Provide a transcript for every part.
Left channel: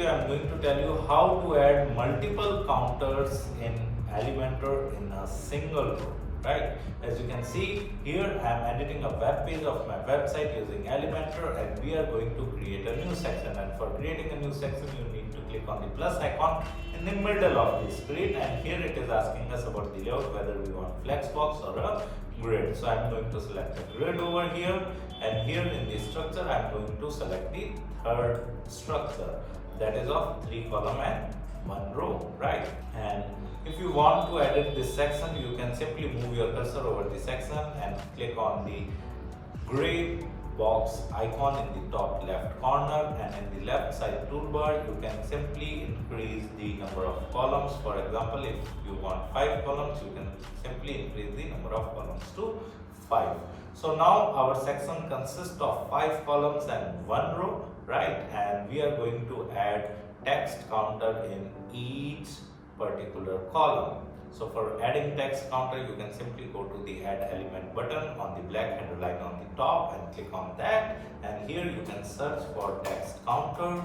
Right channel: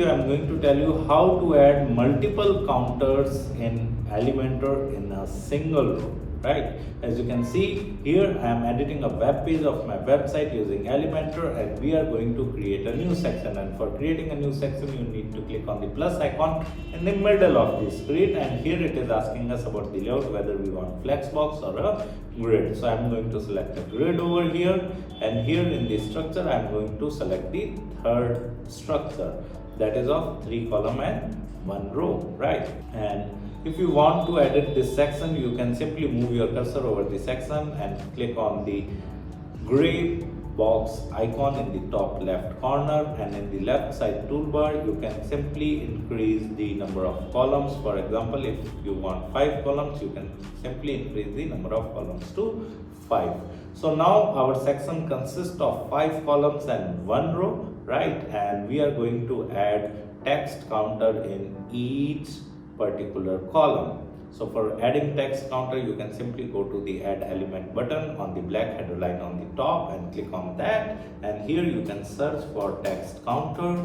video I am going to tell you how to add multiple counters in Elementor in a single row, right? As you can see here, I am editing a web page of my website using Elementor, and we are going to create a new section. And for creating a new section, you need to click on the plus icon in the middle of the screen, and here it is asking us about the layout, whether we want flexbox or a grid. So I am going to select a grid over here, and here in the structure I am going to select the third structure, that is of 3 column and 1 row, right? And if you want to edit this section, you can simply move your cursor over the section and click on the gray box icon in the top left corner, and in the left side toolbar you can simply increase the number of columns. For example, if you want 5 columns, you can simply increase the number of columns to 5. So now our section consists of 5 columns and 1 row, right? And we are going to add text counter in each particular column. So for adding text counter, you can simply go to the add element button on the black header line on the top and click on that, and here you can search for text counter.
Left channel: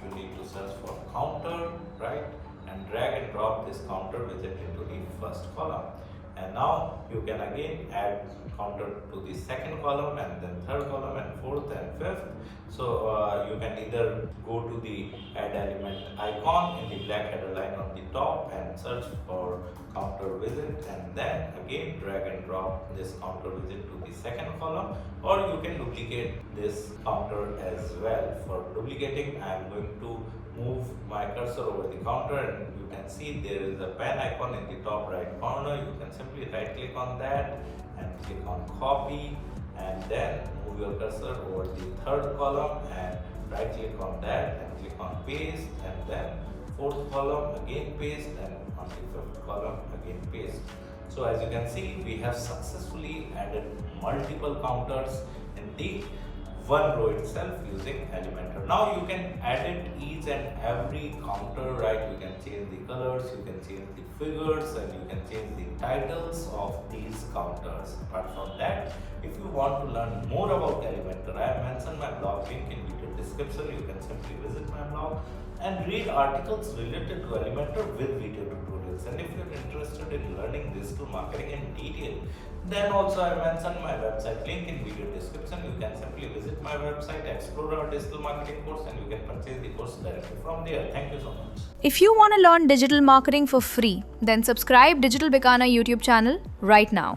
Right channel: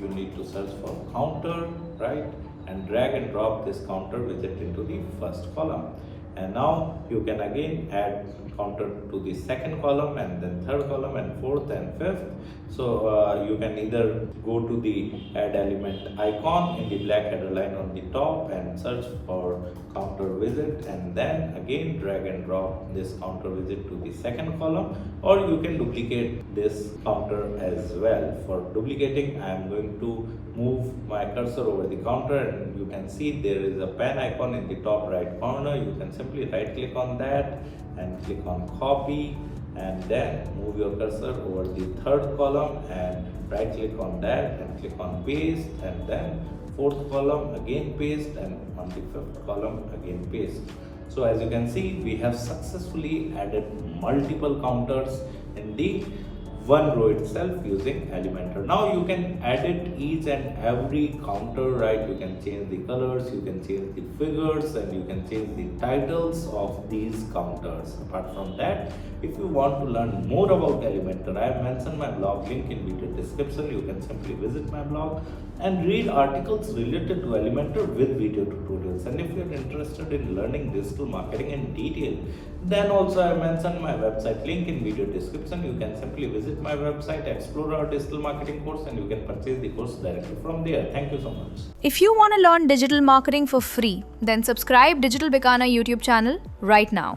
You need to search for counter, right? And drag and drop this counter widget into the first column. And now you can again add counter to the second column, and then third column, and fourth and fifth. So you can either go to the add element icon in the black header line on the top and search for counter widget, and then again drag and drop this counter widget to the second column, or you can duplicate this counter as well. For duplicating, I am going to move my cursor over the counter, and you can see there is a pen icon in the top right corner. You can simply right click on that and click on copy, and then move your cursor over the third column and right click on that and click on paste, and then fourth column again paste, and on the fifth column again paste. So as you can see, we have successfully added multiple counters in the one row itself using Elementor. Now you can edit each and every counter, right? You can change the colors, you can change the figures, and you can change the titles of these counters. Apart from that, if you want to learn more about Elementor, I have mentioned my blog link in video description. You can simply visit my blog and read articles related to Elementor with video tutorials. And if you are interested in learning digital marketing in detail, then also I mentioned my website link in video description. You can simply visit my website, explore our digital marketing course, and you can purchase the course directly from there. Thank you so much. If you want to learn digital marketing for free, then subscribe Digital Bikana YouTube channel right now.